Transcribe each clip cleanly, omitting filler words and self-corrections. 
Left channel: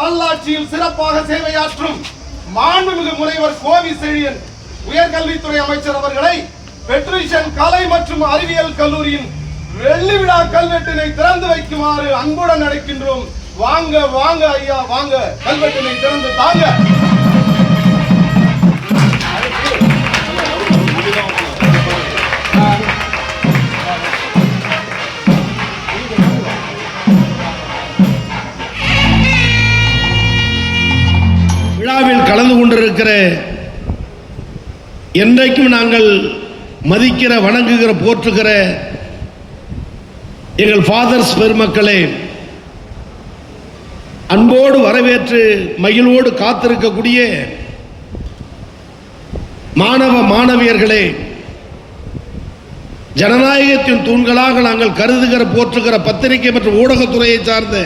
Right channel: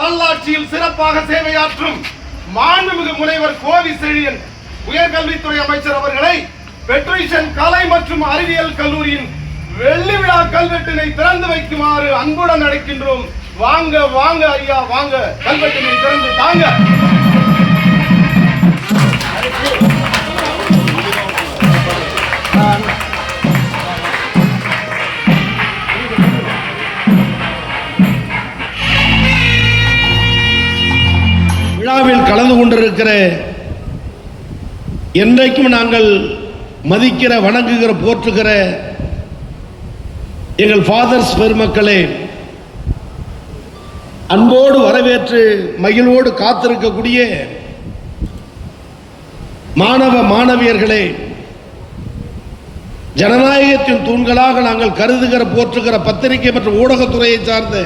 நல்லாட்சியில் சிறப்பாக சேவையாற்றும் மாண்புமிகு முனைவர் கோவி செழியன் உயர்கல்வித்துறை அமைச்சர் அவர்களை பெட்ரிஷன் கலை மற்றும் அறிவியல் கல்லூரியின் வெள்ளி விழா கல்வெட்டினை திறந்து வைக்குமாறு அன்புடன் அழைக்கின்றோம். வாங்க வாங்க ஐயா, வாங்க, கல்வெட்டினை திறந்து தாங்க. விழாவில் கலந்து கொண்டிருக்கிற என்றைக்கும் நாங்கள் மதிக்கிற, வணங்குகிற, போற்றுகிற எங்கள் ஃபாதர்ஸ் பெருமக்களே, அன்போடு வரவேற்று மகிழ்வோடு காத்திருக்கக்கூடிய மாணவ மாணவியர்களே, ஜனநாயகத்தின் தூண்களாக நாங்கள் கருதுகிற, போற்றுகிற பத்திரிகை மற்றும் ஊடகத்துறையை சார்ந்த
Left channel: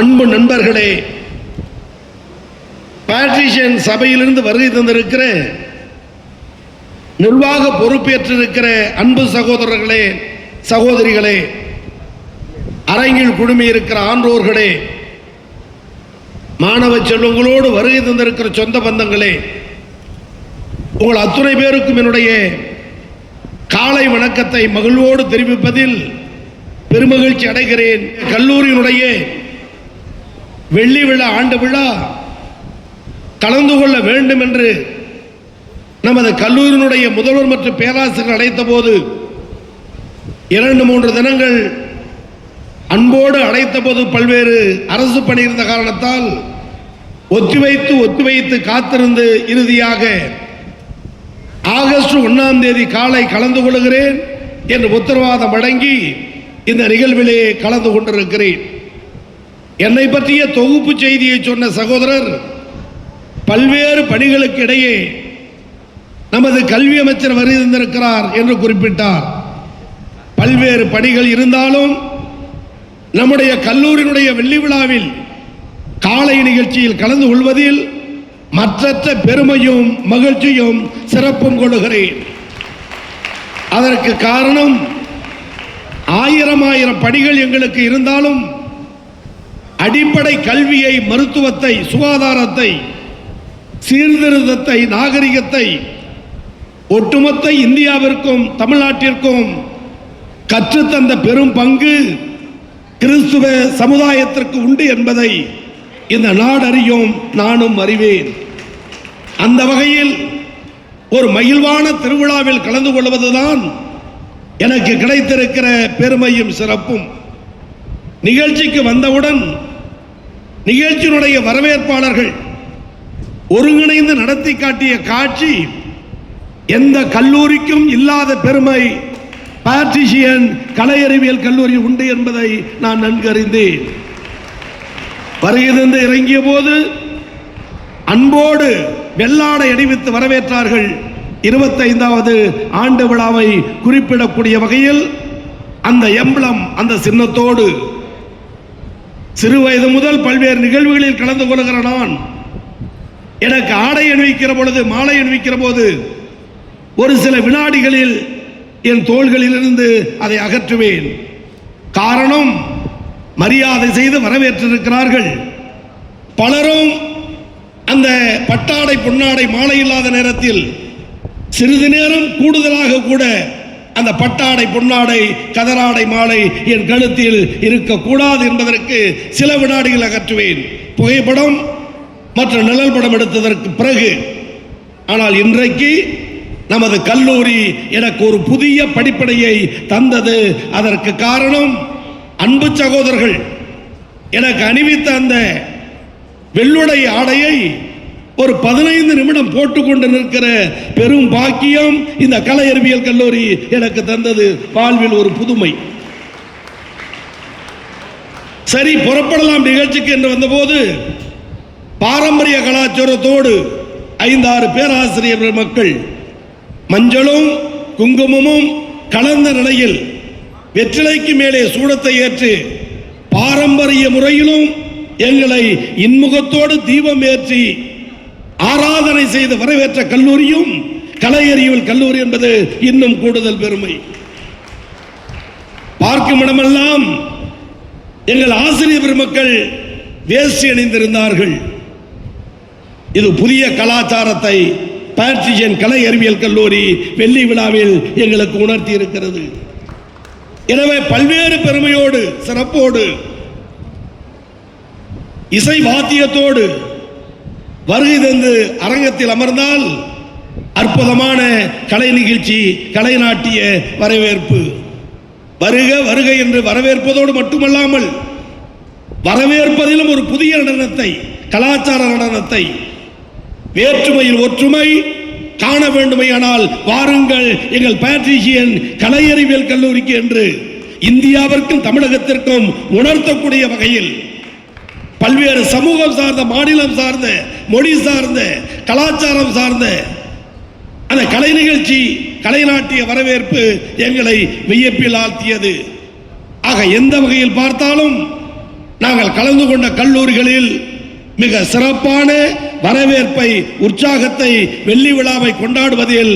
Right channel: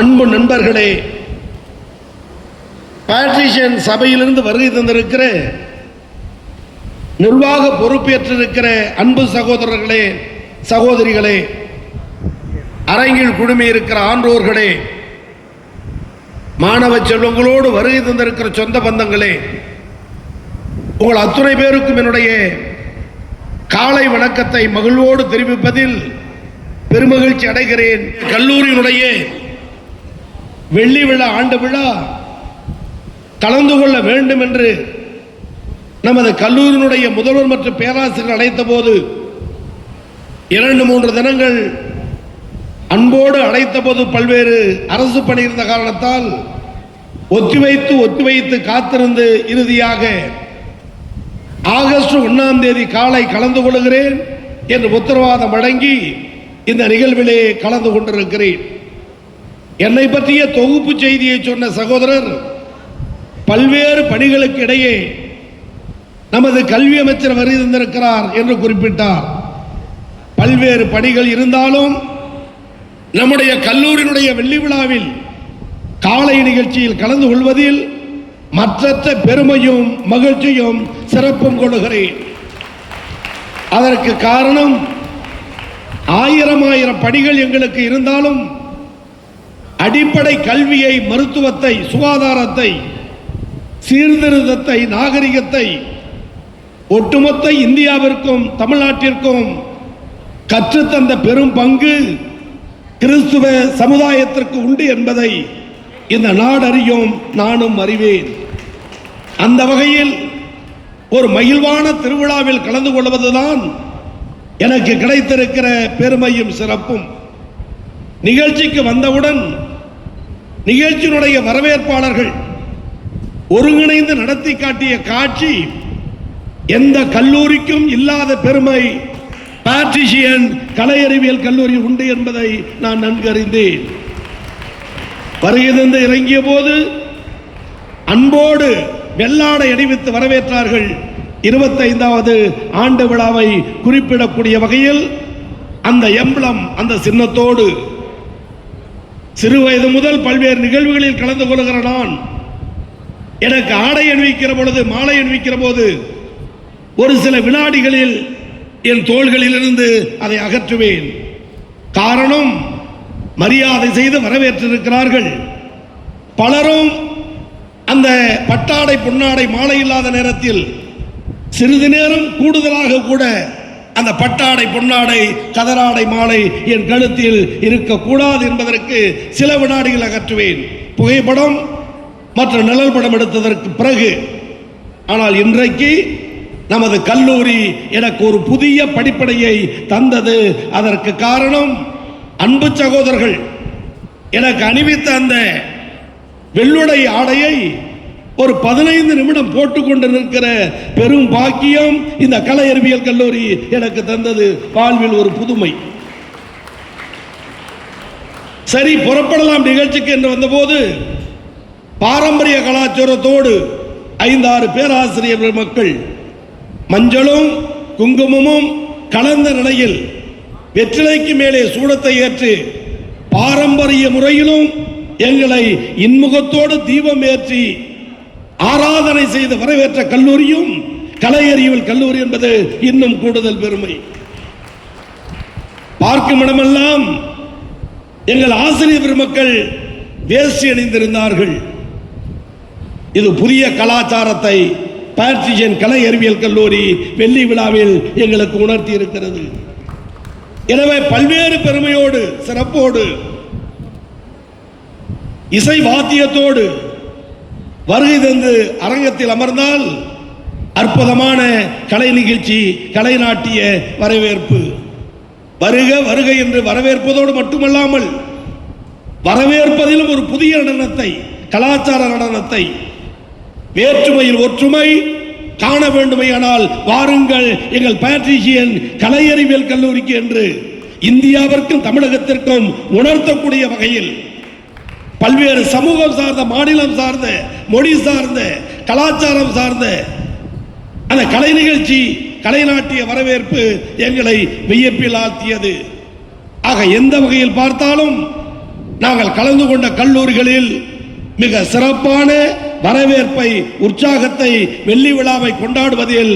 அன்பு நண்பர்களே, பேட்ரிஷியன் சபையிலிருந்து வருகை தந்திருக்கிற நிர்வாக பொறுப்பேற்றிருக்கிற அன்பு சகோதரர்களே, சகோதரிகளே, அரங்கில் குழுமி இருக்கிற ஆன்றோர்களே, மாணவ செல்வங்களோடு வருகை தந்திருக்கிற சொந்த பந்தங்களே, உங்கள் அத்துணை பேருக்கும் என்னுடைய காலை வணக்கத்தை மகிழ்வோடு தெரிவிப்பதில் பெருமகிழ்ச்சி அடைகிறேன். கல்லூரியினுடைய வெள்ளி விழா, ஆண்டு விழா கலந்து கொள்ள வேண்டும் என்று நமது கல்லூரியினுடைய முதல்வர் மற்றும் பேராசிரியர் அழைத்த போது 2-3 தினங்கள் அன்போடு அழைத்த போது பல்வேறு அரசு பணி இருந்த காரணத்தால் ஒத்திவைத்து காத்திருந்து இறுதியாக ஆகஸ்ட் 1ஆம் தேதி காலை கலந்து கொள்கிறேன் என்று உத்தரவாதம் வழங்கி இந்த நிகழ்விலே கலந்து கொண்டிருக்கிறேன். என்னை பற்றிய தொகுப்பு செய்தியை சொன்ன சகோதரர் பல்வேறு பணிகளுக்கு இடையே நமது கல்வி அமைச்சர் வருகை தந்திருக்கிறார் என்று குறிப்பிட்டார். பல்வேறு பணிகள் இருந்தாலும் நம்முடைய கல்லூரியினுடைய வெள்ளி விழாவில் காலை நிகழ்ச்சியில் கலந்து கொள்வதில் மற்றற்ற பெருமையும் மகிழ்ச்சியும் சிறப்பும் கொள்கிறேன். அதற்கு காரணம், ஆயிரம் பணிகள் எங்களுக்கு இருந்தாலும் அடிப்படை கல்வியை, மருத்துவத்தை, சுகாதாரத்தை, சீர்திருத்தத்தை, நாகரிகத்தை ஒட்டுமொத்த இந்தியாவிற்கும் தமிழ்நாட்டிற்கும் கற்றுத்தந்த பெரும் பங்கு கிறிஸ்துவ சமுதாயத்திற்கு உண்டு என்பதை இந்த நாடு அறியும், நானும் அறிவேன். அந்த வகையில் ஒரு மகிழ்வான திருவிழாவில் கலந்து கொள்வதுதான் எனக்கு கிடைத்திருக்கிற பெருமையும் சிறப்பும். நிகழ்ச்சிக்கு வந்தவுடன் நிகழ்ச்சியினுடைய வரவேற்பாளர்கள் ஒருங்கிணைந்து நடத்தி காட்டிய காட்சி எந்த கல்லூரிக்கும் இல்லாத பெருமை பேட்ரிஷியன் கலை அறிவியல் கல்லூரி உண்டு என்பதை நான் நன்கு அறிந்தேன். வருகிறது இறங்கிய போது அன்போடு வெள்ளாடை அணிவித்து வரவேற்றார்கள். 25வது ஆண்டு விழாவை குறிப்பிடக்கூடிய வகையில் அந்த எம்பளம், அந்த சின்னத்தோடு சிறு வயது முதல் பல்வேறு நிகழ்வுகளில் கலந்து கொள்கிற நான், எனக்கு ஆடை அணிவிக்கிற பொழுது, மாலை அணிவிக்கிற போது ஒரு சில வினாடிகளில் என் தோள்களில் இருந்து அதை அகற்றுவேன். காரணம், மரியாதை செய்து வரவேற்றிருக்கிறார்கள். பலரும் அந்த பட்டாடை, பொன்னாடை, மாலை இல்லாத நேரத்தில் சிறிது நேரம் கூடுதலாக கூட அந்த பட்டாடை, பொன்னாடை, கதராடை, மாலை என் கழுத்தில் இருக்கக்கூடாது என்பதற்கு சில வினாடிகள் அகற்றுவேன். புகைப்படம் மற்ற நிழல் படம் எடுத்ததற்கு பிறகு. ஆனால் இன்றைக்கு நமது கல்லூரி எனக்கு ஒரு புதிய படிப்படையை தந்தது. அதற்கு காரணம், அன்பு சகோதரர்கள் எனக்கு அணிவித்த அந்த வெள்ளுடை ஆடையை ஒரு 15 நிமிடம் போட்டுக்கொண்டு நிற்கிற பெரும் பாக்கியம் இந்த கலை அறிவியல் கல்லூரி எனக்கு தந்தது. வாழ்வில் ஒரு புதுமை. சரி, புறப்படலாம் நிகழ்ச்சிக்கு என்று வந்தபோது பாரம்பரிய கலாச்சாரத்தோடு 5-6 பேராசிரியர்கள் மக்கள் மஞ்சளும் குங்குமமும் கலந்த நிலையில் வெற்றிலைக்கு மேலே சூடத்தை ஏற்று பாரம்பரிய முறையிலும் எங்களை இன்முகத்தோடு தீபம் ஏற்றி ஆராதனை செய்து வரவேற்ற கல்லூரியும் கலை அறிவியல் கல்லூரி என்பது இன்னும் கூடுதல் பெருமை. பார்க்கும் இடமெல்லாம் எங்கள் ஆசிரியர் பெருமக்கள் வேஷ்டி அணிந்திருந்தார்கள். இது புதிய கலாச்சாரத்தை பேட்ரிஷியன் கலை அறிவியல் கல்லூரி வெள்ளி விழாவில் எங்களுக்கு உணர்த்தி இருக்கிறது. எனவே பல்வேறு பெருமையோடு சிறப்போடு இசை வாத்தியத்தோடு வருகை தந்து அரங்கத்தில் அமர்ந்தால் அற்புதமான கலை நிகழ்ச்சி, கலை நாட்டிய வரவேற்பு. வருக வருக என்று வரவேற்பதோடு மட்டுமல்லாமல் வரவேற்பதிலும் ஒரு புதிய நடனத்தை, கலாச்சார நடனத்தை, வேற்றுமையில் ஒற்றுமை காண வேண்டுமையானால் வாருங்கள் எங்கள் பேட்ரிஷியன் கலை அறிவியல் கல்லூரிக்கு என்று இந்தியாவிற்கும் தமிழகத்திற்கும் உணர்த்தக்கூடிய வகையில் பல்வேறு சமூகம் சார்ந்த, மாநிலம் சார்ந்த, மொழி சார்ந்த, கலாச்சாரம் சார்ந்த அந்த கலை நிகழ்ச்சி, கலை நாட்டிய வரவேற்பு எங்களை வியப்பில் ஆழ்த்தியது. ஆக எந்த வகையில் பார்த்தாலும் நாங்கள் கலந்து கொண்ட கல்லூரிகளில் மிக சிறப்பான வரவேற்பை, உற்சாகத்தை, வெள்ளி விழாவை கொண்டாடுவதில்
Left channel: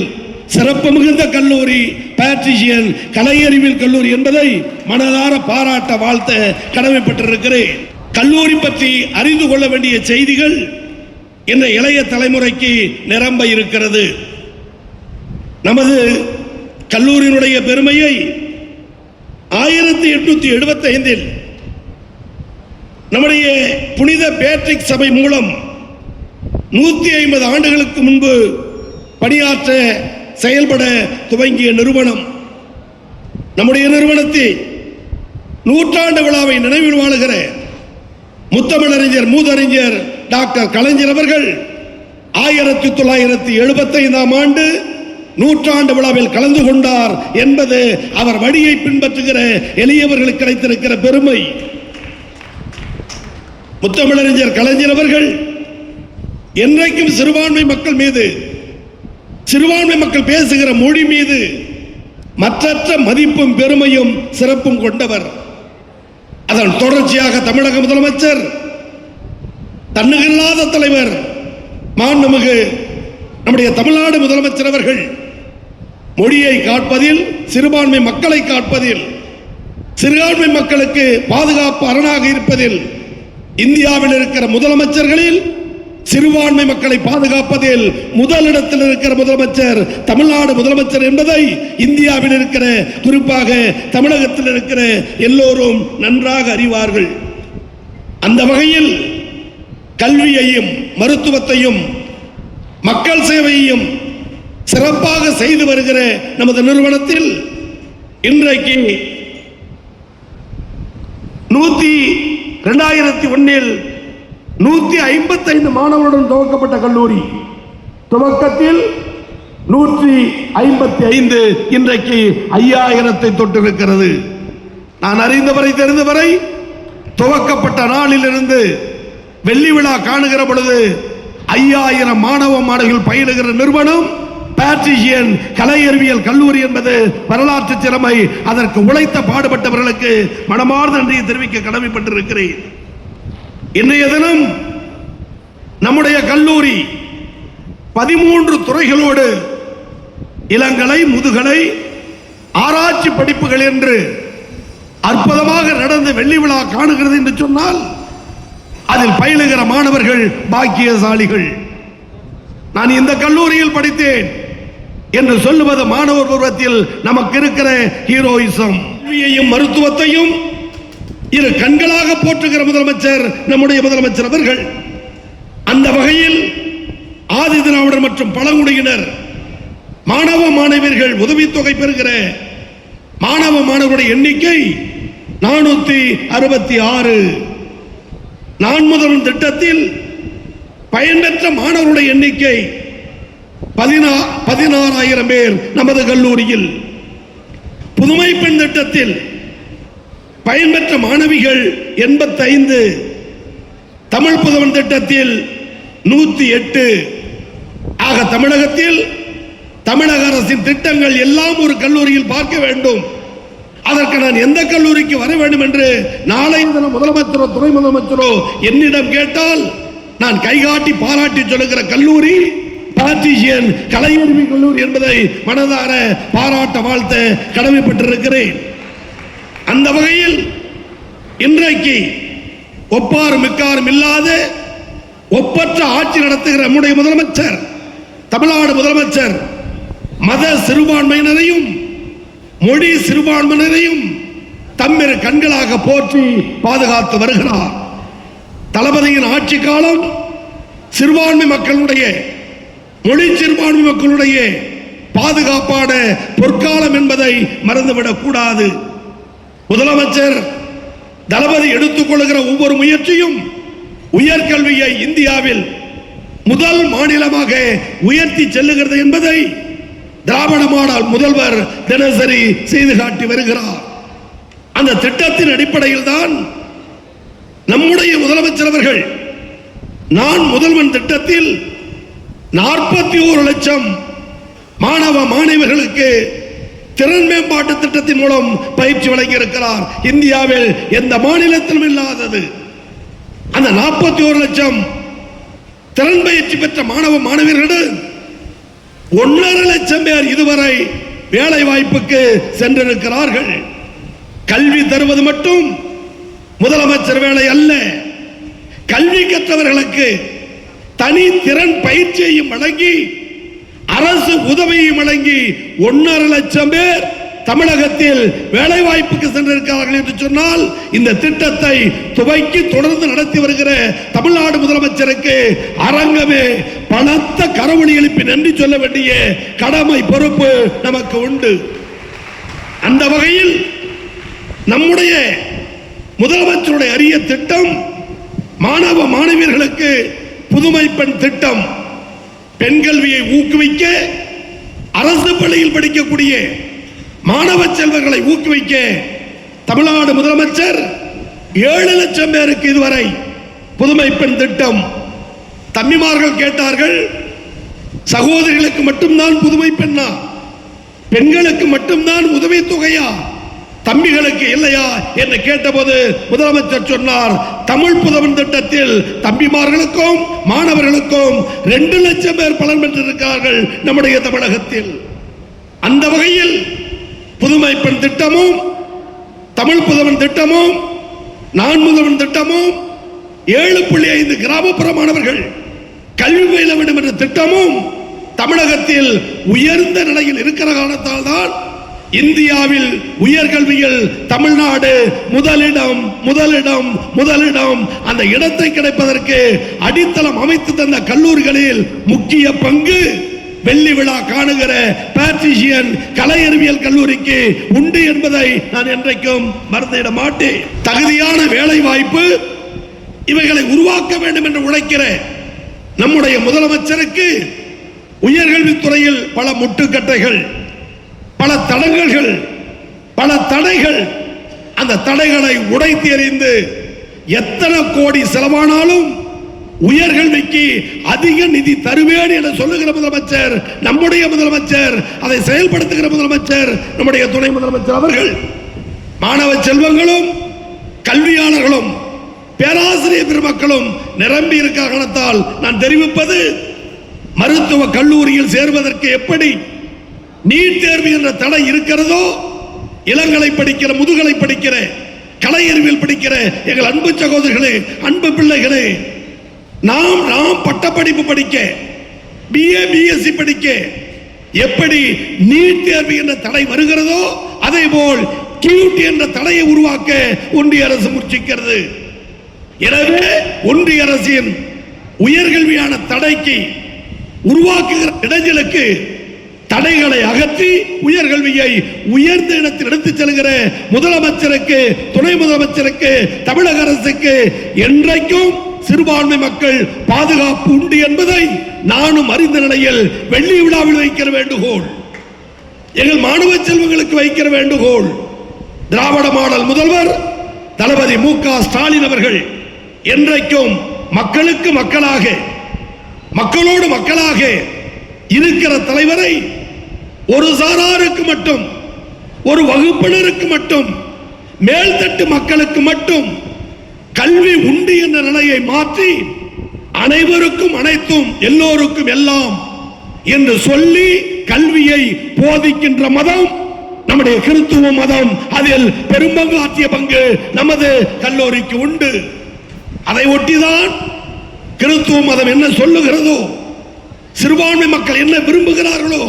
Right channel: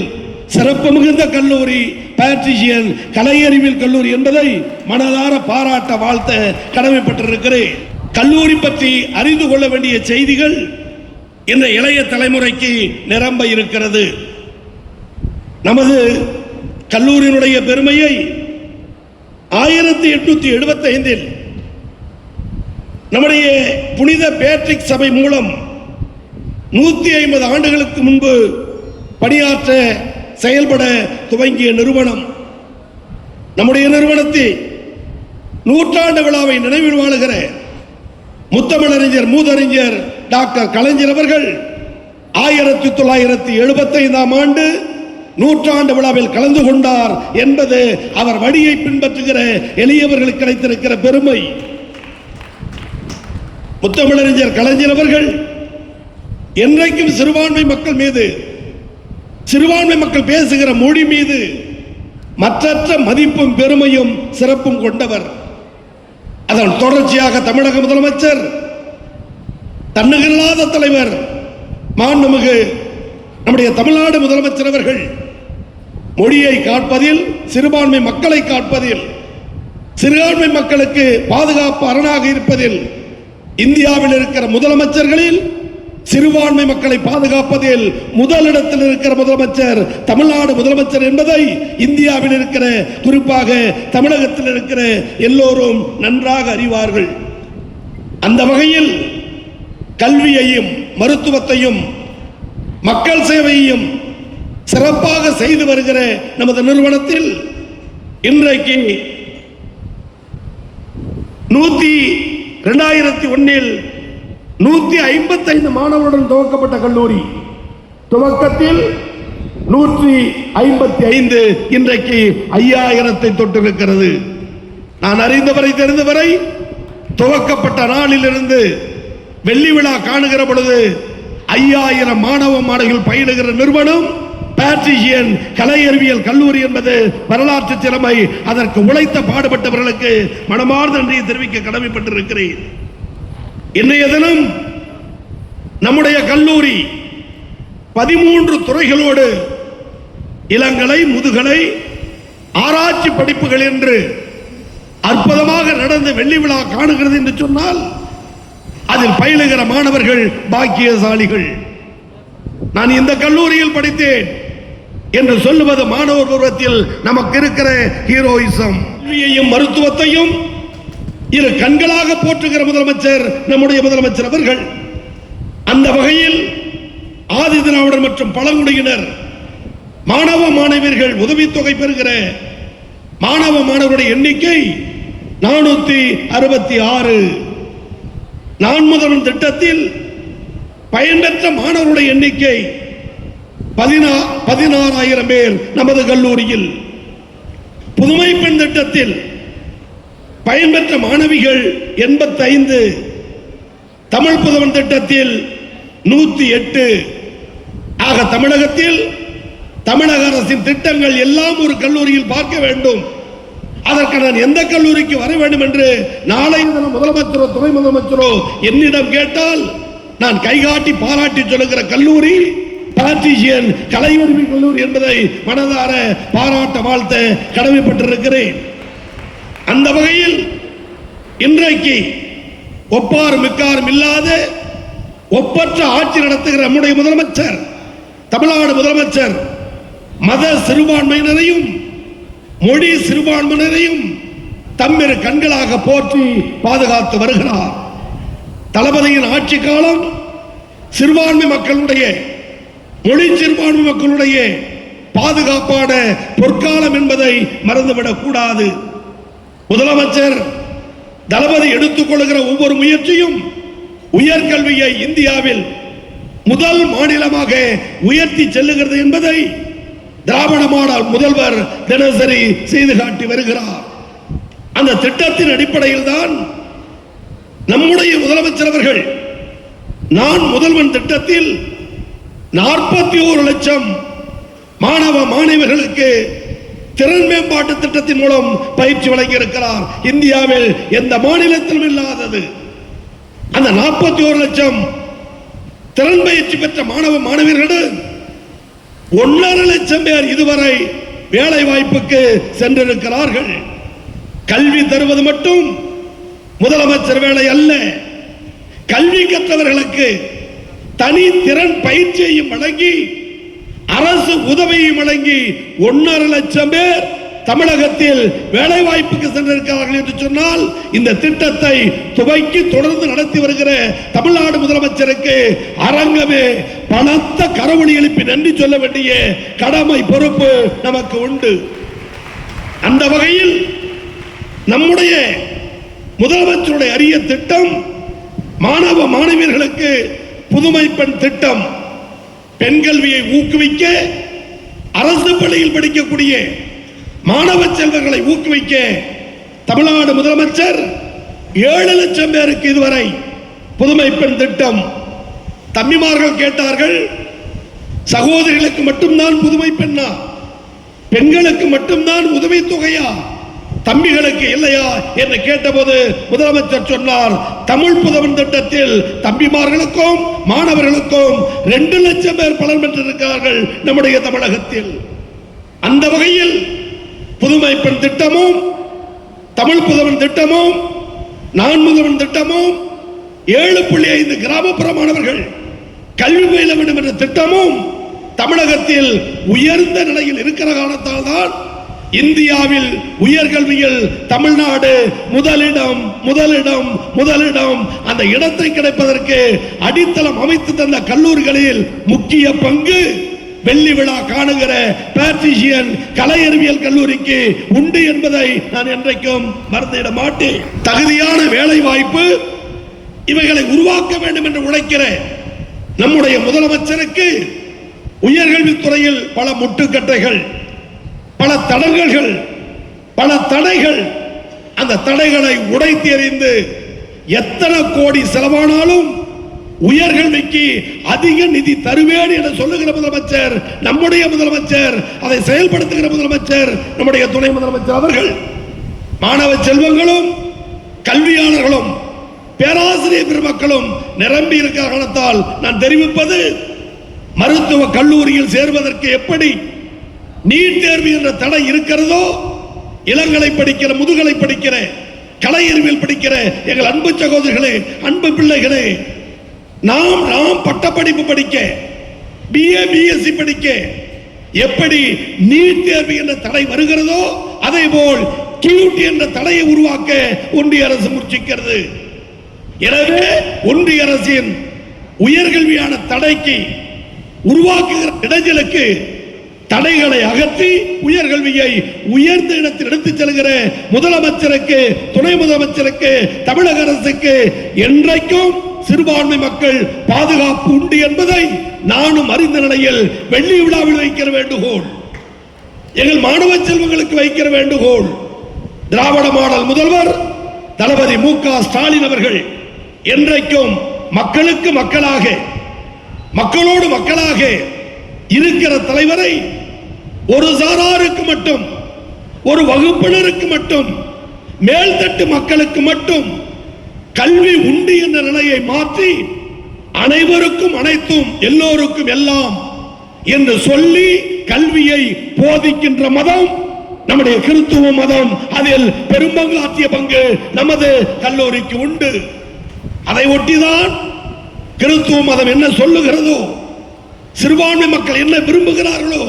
சிறப்பு மிகுந்த கல்லூரி பேட்ரிஷியன் கலை அறிவியல் கல்லூரி என்பதை மனதார பாராட்ட, வாழ்த்த கடமைப்பட்டிருக்கிறேன். கல்லூரி பற்றி அறிந்து கொள்ள வேண்டிய செய்திகள் இந்த இளைய தலைமுறைக்கு நிரம்ப இருக்கிறது. நமது கல்லூரியினுடைய பெருமையை 1875 நம்முடைய புனித பேட்ரிக் சபை மூலம் 150 ஆண்டுகளுக்கு முன்பு பணியாற்ற செயல்பட துவங்கிய நிறுவனம். நம்முடைய நிறுவனத்தில் நூற்றாண்டு விழாவை நினைவில் வாழுகிற முத்தமிழறிஞர் மூதறிஞர் டாக்டர் கலைஞர் அவர்கள் 1975ஆம் ஆண்டு நூற்றாண்டு விழாவில் கலந்து கொண்டார் என்பது அவர் வழியை பின்பற்றுகிற எளியவர்களுக்கு கிடைத்திருக்கிற பெருமை. முத்தமிழறிஞர் கலைஞர் அவர்கள் என்றைக்கும் சிறுபான்மை மக்கள் மீது, சிறுபான்மை மக்கள் பேசுகிற மொழி மீது மற்றற்ற மதிப்பும் பெருமையும் சிறப்பும் கொண்டவர். அதன் தொடர்ச்சியாக தமிழக முதலமைச்சர், தன்னிகரில்லாத தலைவர் மாண்புமிகு நம்முடைய தமிழ்நாடு முதலமைச்சர் அவர்கள் மொழியை காப்பதில், சிறுபான்மை மக்களை காப்பதில், சிறுபான்மை மக்களுக்கு பாதுகாப்பு அரணாக இருப்பதில் இந்தியாவில் இருக்கிற முதலமைச்சர்களில் சிறுபான்மை மக்களை பாதுகாப்பதில் முதலிடத்தில் இருக்கிற முதலமைச்சர் தமிழ்நாடு முதலமைச்சர் என்பதை இந்தியாவில் இருக்கிற, குறிப்பாக தமிழகத்தில் இருக்கிற எல்லோரும் நன்றாக அறிவார்கள். அந்த வகையில் கல்வியையும், மருத்துவத்தையும், மக்கள் சேவையையும் சிறப்பாக செய்து வருகிற நமது நிறுவனத்தில் இன்றைக்கு 2001 155 மாணவர்களுடன் துவக்கப்பட்ட கல்லூரி துவக்கத்தில் 155 இன்றைக்கு 5000 தொட்டிருக்கிறது. நான் அறிந்தவரை, தெரிந்தவரை துவக்கப்பட்ட நாளிலிருந்து வெள்ளி விழா காணுகிற பொழுது 5000 மாணவ மாணவிகள் பயிலுகிற நிறுவனம் பேட்ரிஷியன் கலை அறிவியல் கல்லூரி என்பது வரலாற்று திறமை. அதற்கு உழைத்த பாடுபட்டவர்களுக்கு மனமார்ந்த நன்றியை தெரிவிக்க கடமைப்பட்டிருக்கிறேன். இன்றைய தினம் நம்முடைய கல்லூரி 13 துறைகளோடு இளங்கலை, முதுகலை, ஆராய்ச்சி படிப்புகள் என்று அற்புதமாக நடந்த வெள்ளி விழா காணுகிறது என்று சொன்னால் அதில் பயிலுகிற மாணவர்கள் பாக்கியசாலிகள். நான் இந்த கல்லூரியில் படித்தேன் என்று சொல்லுவது மாணவர் பருவத்தில் நமக்கு இருக்கிற ஹீரோயிசம். கல்வியையும் மருத்துவத்தையும் இரு கண்களாக போற்றுகிற முதலமைச்சர் நம்முடைய முதலமைச்சர் அவர்கள். அந்த வகையில் ஆதி திராவிடர் மற்றும் பழங்குடியினர் மாணவ மாணவியர்கள் உதவித்தொகை பெறுகிற மாணவ மாணவருடைய எண்ணிக்கை 466. நான் முதல்வன் திட்டத்தில் பயன்பெற்ற மாணவருடைய எண்ணிக்கை 16,000 பேர் நமது கல்லூரியில். புதுமை பெண் திட்டத்தில் பயன்பெற்ற மாணவிகள் 85. தமிழ் புதவன் திட்டத்தில் 108. ஆக தமிழகத்தில் தமிழக அரசின் திட்டங்கள் எல்லாம் ஒரு கல்லூரியில் பார்க்க வேண்டும். அதற்கு நான் எந்த கல்லூரிக்கு வர வேண்டும் என்று நாளை முதலமைச்சரோ துணை முதலமைச்சரோ என்னிடம் கேட்டால் நான் கைகாட்டி பாராட்டி சொல்லுகிற கல்லூரி பேட்ரிஷியன் கலை அறிவியல் கல்லூரி என்பதை மனதார பாராட்ட, வாழ்த்த கடமைப்பட்டிருக்கிறேன். அந்த வகையில் இன்றைக்கு ஒப்பாரும் மிக்காரும் இல்லாத ஒப்பற்ற ஆட்சி நடத்துகிற நம்முடைய முதலமைச்சர், தமிழ்நாடு முதலமைச்சர் மத சிறுபான்மையினரையும் மொழி சிறுபான்மையினரையும் தம்மிரு கண்களாக போற்றி பாதுகாத்து வருகிறார். தளபதியின் ஆட்சி காலம் சிறுபான்மை மக்களுடைய, மொழி சிறுபான்மை மக்களுடைய பாதுகாப்பான பொற்காலம் என்பதை மறந்துவிடக் கூடாது. முதலமைச்சர் தளபதி எடுத்துக் கொள்கிற ஒவ்வொரு முயற்சியும் உயர்கல்வியை இந்தியாவில் முதல் மாநிலமாக உயர்த்தி செல்லுகிறது என்பதை திராவிட மாடல் முதல்வர் தினசரி செய்து காட்டி வருகிறார். அந்த திட்டத்தின் அடிப்படையில் தான் நம்முடைய முதலமைச்சர் அவர்கள் நான் முதல்வன் திட்டத்தில் 41 லட்சம் மாணவ மாணவிகளுக்கு திறன் மேம்பாட்டு திட்டத்தின் மூலம் பயிற்சி வழங்கியிருக்கிறார். இந்தியாவில் எந்த மாநிலத்திலும் இல்லாதது. அந்த 41 லட்சம் திறன் பயிற்சி பெற்ற மாணவ மாணவியர்கள் 1.5 லட்சம் பேர் இதுவரை வேலை வாய்ப்புக்கு சென்றிருக்கிறார்கள். கல்வி தருவது மட்டும் முதலமைச்சர் வேலை அல்ல. கல்வி கற்றவர்களுக்கு தனி திறன் பயிற்சியையும் வழங்கி அரசு உதவியையும் வழங்கி 1.5 லட்சம் பேர் தமிழகத்தில் வேலை வாய்ப்புக்கு சென்றிருக்கிறார்கள் என்று சொன்னால் இந்த திட்டத்தை துவக்கி தொடர்ந்து நடத்தி வருகிற தமிழ்நாடு முதலமைச்சருக்கு அரங்கமே பலத்த கரவொலி எழுப்பி நன்றி சொல்ல வேண்டிய கடமை பொறுப்பு நமக்கு உண்டு. அந்த வகையில் நம்முடைய முதலமைச்சருடைய அரிய திட்டம் மாணவ மாணவியர்களுக்கு புதுமை பெண் திட்டம். பெண் கல்வியை ஊக்குவிக்க அரசு பள்ளியில் படிக்கக்கூடிய மாணவ செல்வங்களை ஊக்குவிக்க தமிழ்நாடு முதலமைச்சர் 7 லட்சம் பேருக்கு இதுவரை புதுமை பெண் திட்டம். தம்பிமார்கள் கேட்டார்கள், சகோதரிகளுக்கு மட்டும்தான் புதுமை பெண்ணா, பெண்களுக்கு மட்டும்தான் உதவி தொகையா, தம்பிகளுக்கு இல்லையா என்று கேட்டபோது முதலமைச்சர் சொன்னார், தமிழ் புதவன் திட்டத்தில் தம்பிமார்களுக்கும் மாணவர்களுக்கும் 2 லட்சம் பேர் பலன் பெற்றிருக்கிறார்கள் நம்முடைய தமிழகத்தில். அந்த வகையில் புதுமை பெண் திட்டமும் தமிழ் புதவன் திட்டமும் நான் முதல்வன் திட்டமும் 7.5 கிராமப்புற மாணவர்கள் கல்வி பயில வேண்டும் என்ற திட்டமும் தமிழகத்தில் உயர்ந்த நிலையில் இருக்கிற காரணத்தால் தான் இந்தியாவில் உயர்கல்வியில் தமிழ்நாடு முதலிடம் முதலிடம் முதலிடம். அந்த இடத்தை கிடைப்பதற்கு அடித்தளம் அமைத்து தந்த கல்லூரிகளில் முக்கிய பங்கு வெள்ளி விழா காணுகிற பேட்ரிஷியன் கலை அறிவியல் கல்லூரிக்கு உண்டு என்பதை நான் என்றைக்கும் மறந்துவிட மாட்டேன். தகுதியான வேலை வாய்ப்பு இவைகளை உருவாக்க வேண்டும் என்று உழைக்கிற நம்முடைய முதலமைச்சருக்கு உயர்கல்வித்துறையில் பல முட்டுக்கட்டைகள், பல தடங்கல்கள், பல தடைகள். அந்த தடைகளை உடைத்து எறிந்து எத்தனை கோடி செலவானாலும் உயர்கல்விக்கு அதிக நிதி தருவேன் என சொல்லுகிற முதலமைச்சர் நம்முடைய முதலமைச்சர், அதை செயல்படுத்துகிற முதலமைச்சர் நம்முடைய துணை முதலமைச்சர் அவர்கள். மாணவ செல்வங்களும் கல்வியாளர்களும் பேராசிரியர் பெருமக்களும் நிரம்பி இருக்க காரணத்தால் நான் தெரிவிப்பது, மருத்துவ கல்லூரியில் சேர்வதற்கு எப்படி நீட் தேர்வு என்ற தடை இருக்கிறதோ, இளங்கலை படிக்கிற முதுகலை படிக்கிற கலை அறிவியல் படிக்கிற எங்கள் அன்பு சகோதரர்களே, அன்பு பிள்ளைகளே, நாம் பட்டப்படிப்பு படிக்க BA BSc படிக்க எப்படி நீட் தேர்வு என்ற தடை வருகிறதோ அதே போல் QT என்ற தடையை உருவாக்க ஒன்றிய அரசு முயற்சிக்கிறது. எனவே ஒன்றிய அரசின் உயர்கல்வியான தடைக்கு உருவாக்குகிற இடைஞ்சலுக்கு தடைகளை அகற்றி உயர்கல்வியை உயர்ந்த இடத்தில் எடுத்துச் செல்கிற முதலமைச்சருக்கு, துணை முதலமைச்சருக்கு, தமிழக அரசுக்கு என்றைக்கும் சிறுபான்மை மக்கள் பாதுகாப்பு உண்டு என்பதை நானும் அறிந்த நிலையில் வெள்ளி விழாவில் வைக்கிற வேண்டுகோள், எங்கள் மாணவ செல்வங்களுக்கு வைக்கிற வேண்டுகோள், திராவிட மாடல் முதல்வர் தளபதி மு.க. ஸ்டாலின் அவர்கள் என்றைக்கும் மக்களுக்கு மக்களாக, மக்களோடு மக்களாக இருக்கிற தலைவரை ஒரு சாராருக்கு மட்டும், ஒரு வகுப்பினருக்கு மட்டும், மேல்தட்டு மக்களுக்கு மட்டும் கல்வி உண்டு என்ற நிலையை மாற்றி அனைவருக்கும் அனைத்தும் எல்லோருக்கும் எல்லாம் என்று சொல்லி கல்வியை போதிக்கின்ற மதம் நம்முடைய கிறிஸ்துவ மதம். அதில் பெரும்பங்கு ஆற்றிய பங்கு நமது கல்லூரிக்கு உண்டு. அதை ஒட்டிதான் கிறிஸ்துவ மதம் என்ன சொல்லுகிறதோ, சிறுபான்மை மக்கள் என்ன விரும்புகிறார்களோ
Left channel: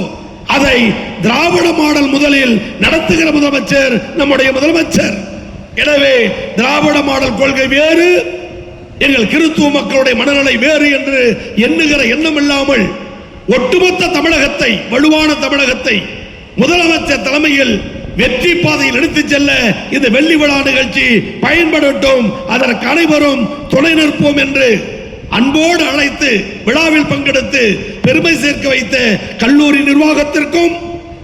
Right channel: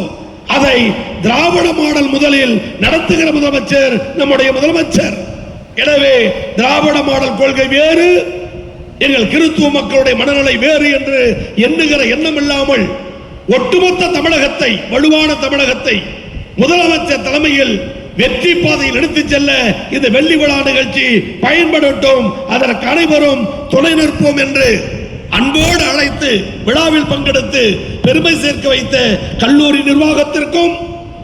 அதை திராவிட மாடல் முதலில் நடத்துகிற முதலமைச்சர் நம்முடைய முதலமைச்சர். எனவே திராவிட மாடல் கொள்கை வேறு, எங்கள் கிறிஸ்துவ மக்களுடைய மனநிலை வேறு என்று எண்ணுகிற எண்ணம் இல்லாமல் ஒட்டுமொத்த தமிழகத்தை, வலுவான தமிழகத்தை முதலமைச்சர் தலைமையில் வெற்றி பாதையில் எடுத்துச் செல்ல இந்த வெள்ளி விழா நிகழ்ச்சி பயன்படட்டும், அதற்கு அனைவரும் துணை நிற்போம் என்று அன்போடு அழைத்து விழாவில் பங்கெடுத்து பெருமை சேர்க்க வைத்த கல்லூரி நிர்வாகத்திற்கும்,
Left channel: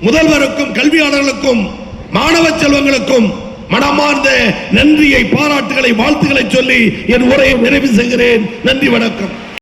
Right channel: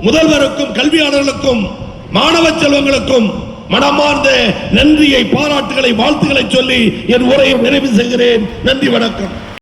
முதல்வருக்கும், கல்வியாளர்களுக்கும், மாணவ செல்வங்களுக்கும் மனமார்ந்த நன்றியை, பாராட்டுகளை, வாழ்த்துக்களை சொல்லி என் உரையை நிறைவு செய்கிறேன். நன்றி, வணக்கம்.